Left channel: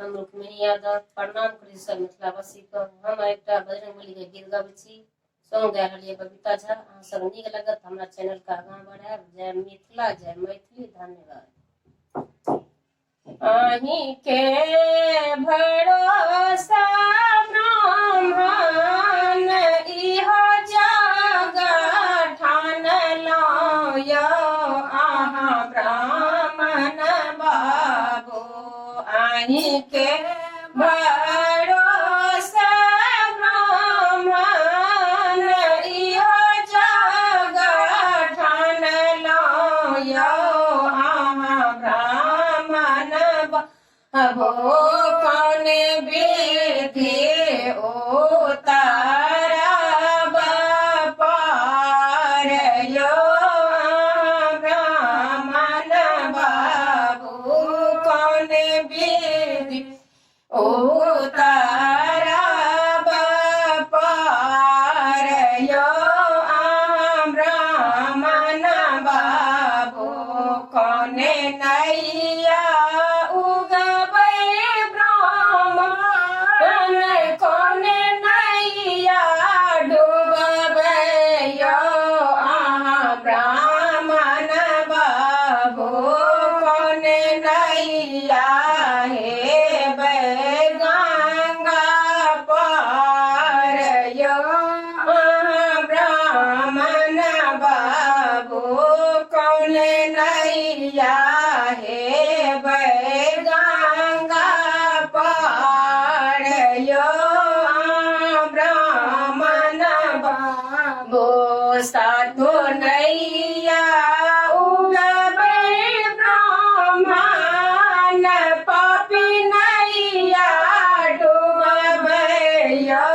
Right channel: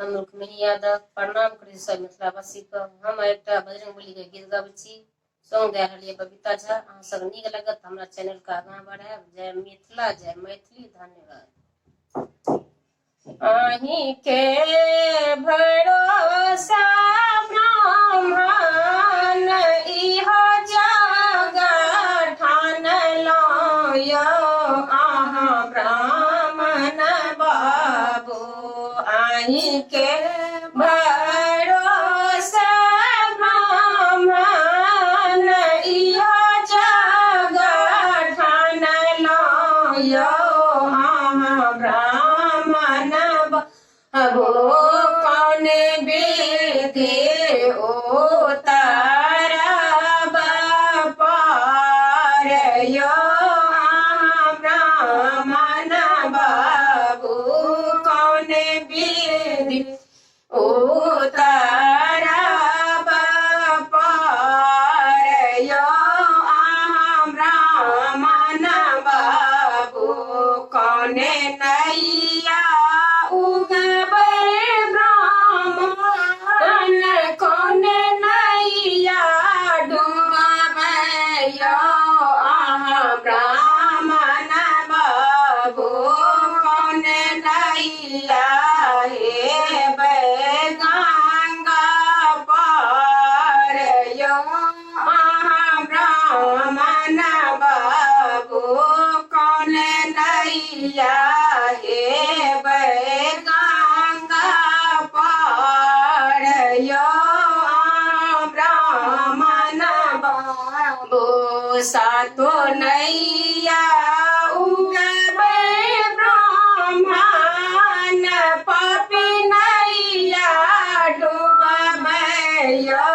हम रुक्मिणी यादव प्रणाम करी सब मिथिलावासी को। हम एकटा बजरंगबली के गीत गाबै छी, सॉन्ग गा रहलियै बबीता झा। अहाँ सब नीक लगत हमरा चैनल के आगां बढ़ायब। जय मिथिला, जय मैथिली, धन्यवाद। अहीं के भरोसा ब्राह्मण इहो जग ठानलहुँ यौ, अहाँ ब्राह्मण बाबू। अहीं के भरोसा ब्राह्मण इहो जग ठानलहुँ यौ, अहाँ ब्राह्मण बाबू। कौन विधि उतारब पार यौ, अहाँ ब्राह्मण बाबू। कौन विधि उतारब पार यौ, अहाँ ब्राह्मण बाबू। कौन नैया उगबै ब्राह्मण, कौन नैया डूबबै यौ, अहाँ ब्राह्मण बाबू। कौन नैया हेबै गंगा पार यौ, अहाँ ब्राह्मण बाबू। कौन नैया हेबै गंगा पार यौ, अहाँ ब्राह्मण बाबू। सातो नैया उगबै ब्राह्मण, पापी नैया डूबबै यौ,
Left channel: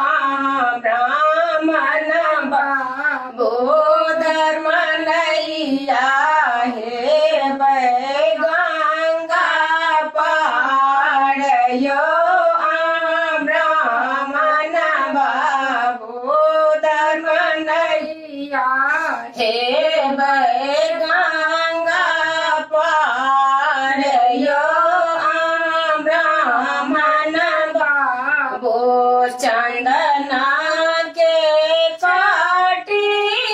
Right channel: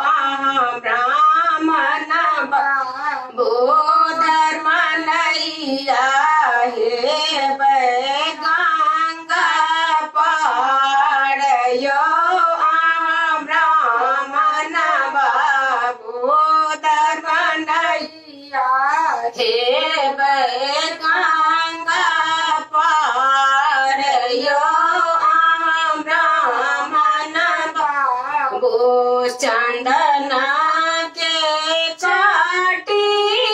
अहाँ ब्राह्मण बाबू। धर्म नैया हेबै गंगा पार यौ, अहाँ ब्राह्मण बाबू। धर्म नैया हेबै गंगा पार यौ, अहाँ ब्राह्मण बाबू। चंदन के काटी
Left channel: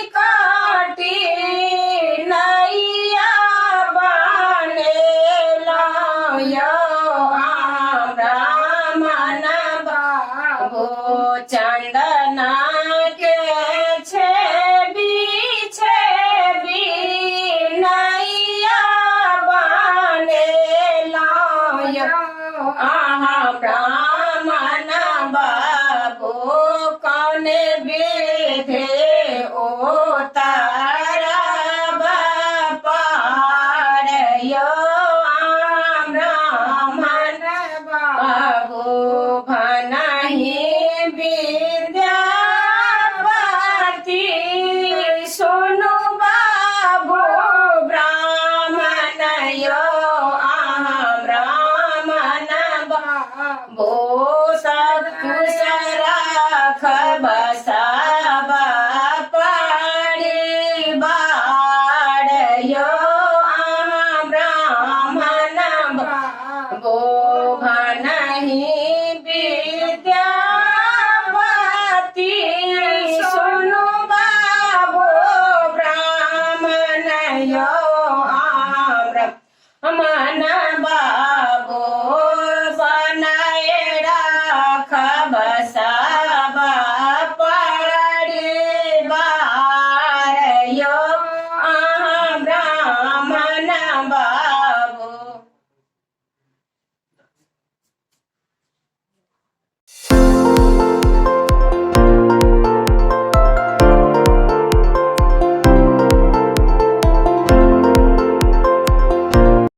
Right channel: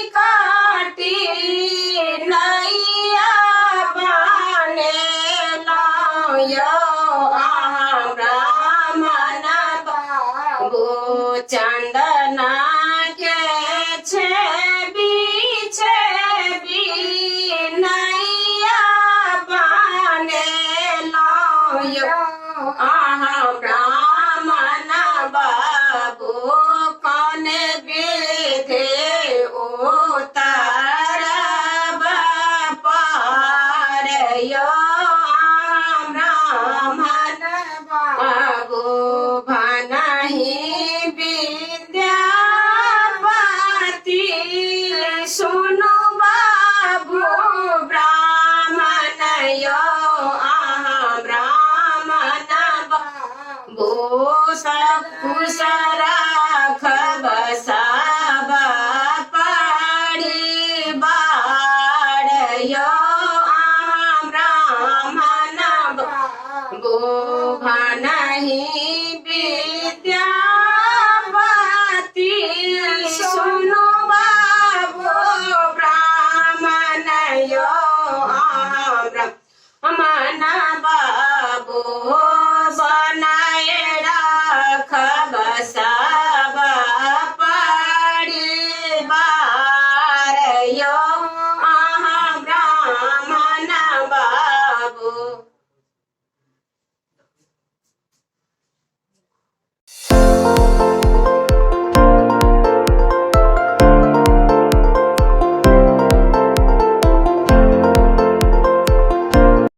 काटी नैया बनेलहुँ यौ, अहाँ ब्राह्मण बाबू। चंदन के छेबी छेबी नैया बनेलहुँ यौ, अहाँ ब्राह्मण बाबू। कौन विधि उतारब पार यौ, अहाँ ब्राह्मण बाबू। भनहि विद्यापति सुनु बाबू ब्राह्मण यौ, अहाँ ब्राह्मण बाबू। सब कुछ राखब सब परिवार यौ, अहाँ ब्राह्मण बाबू। भनहि